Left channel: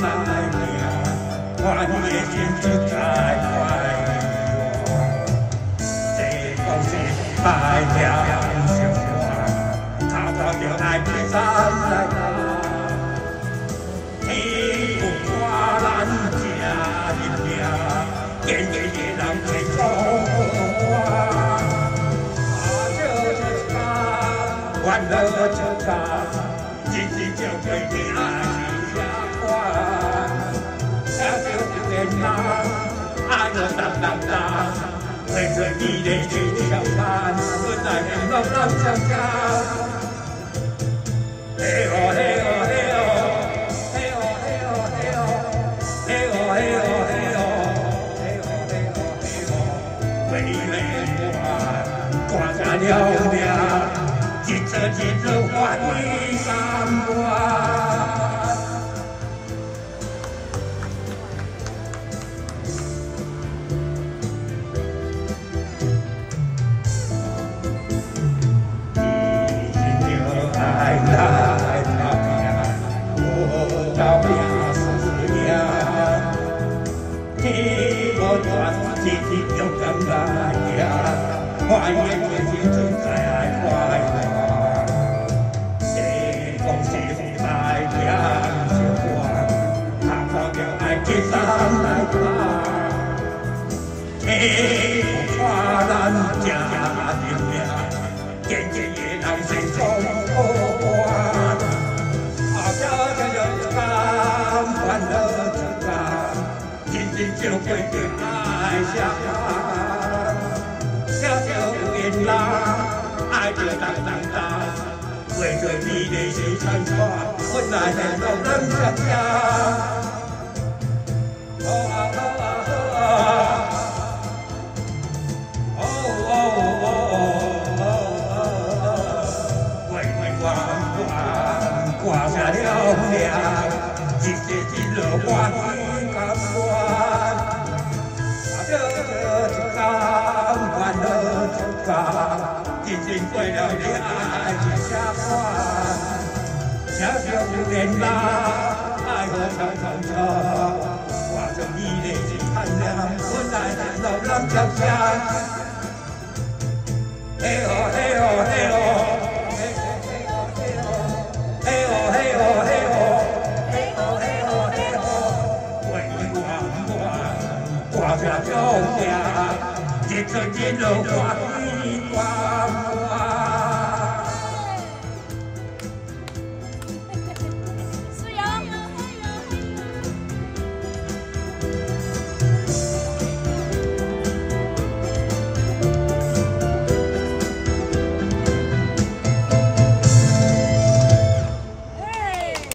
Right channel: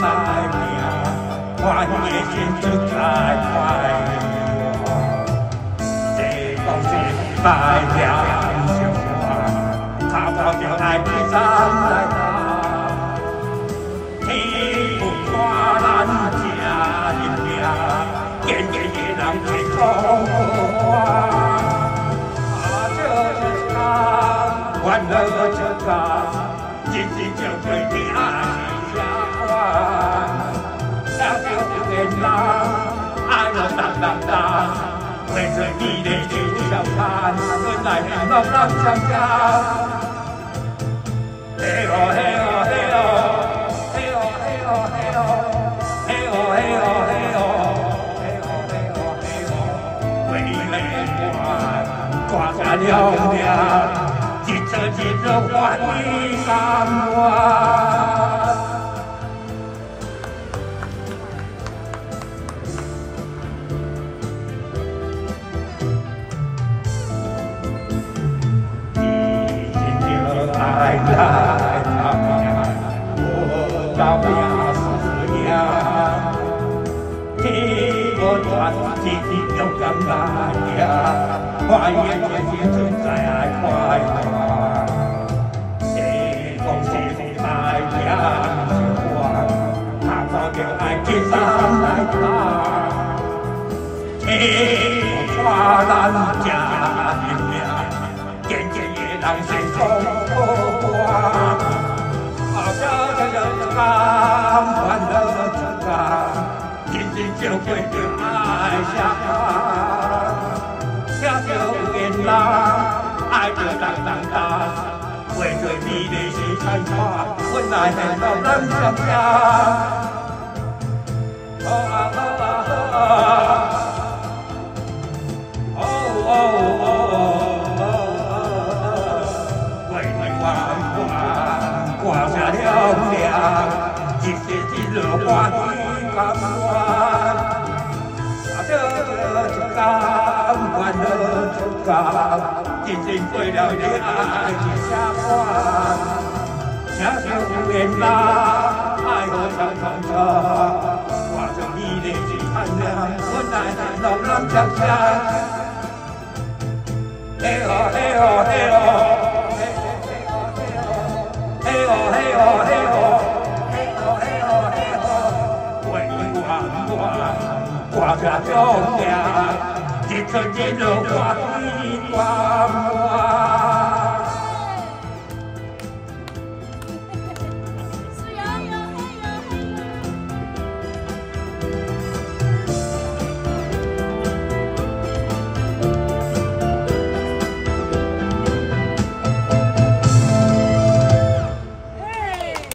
来命，我已经出在快这讲是大良相看，头头就爱去山来打，天有看咱正认命，坚决的人去做好我。 欢乐就唱，真真正正的爱是呀我，小小的人爱我当当当，为着你的这小餐，我来让老人家家。嘿哦嘿哦嘿哦，嘿哦嘿哦嘿哦，嘿哦嘿哦嘿哦，嘿哦嘿哦嘿哦，为你我挂下了命。 一则一则我的甘愿。你就爱来到命，我到命是命。你我团结勇敢来呀，我也存在爱快。 看咱正认命，坚决的人生做好我。小小的甘欢乐出家，认真就会着爱相伴。小小的人爱着当当当，为着你的心参穿，我来到咱家家。 挂下了命，一日一日我的甘愿，这甘愿的这甘，真正为了你爱的相伴。小小的人爱我长长长，挂着你的心盼亮，我来到老人家。嘿哦嘿哦嘿哦。 嘿哦嘿哦嘿哦，嘿哦嘿哦嘿哦，为我挂下了命，一寸一路我的光。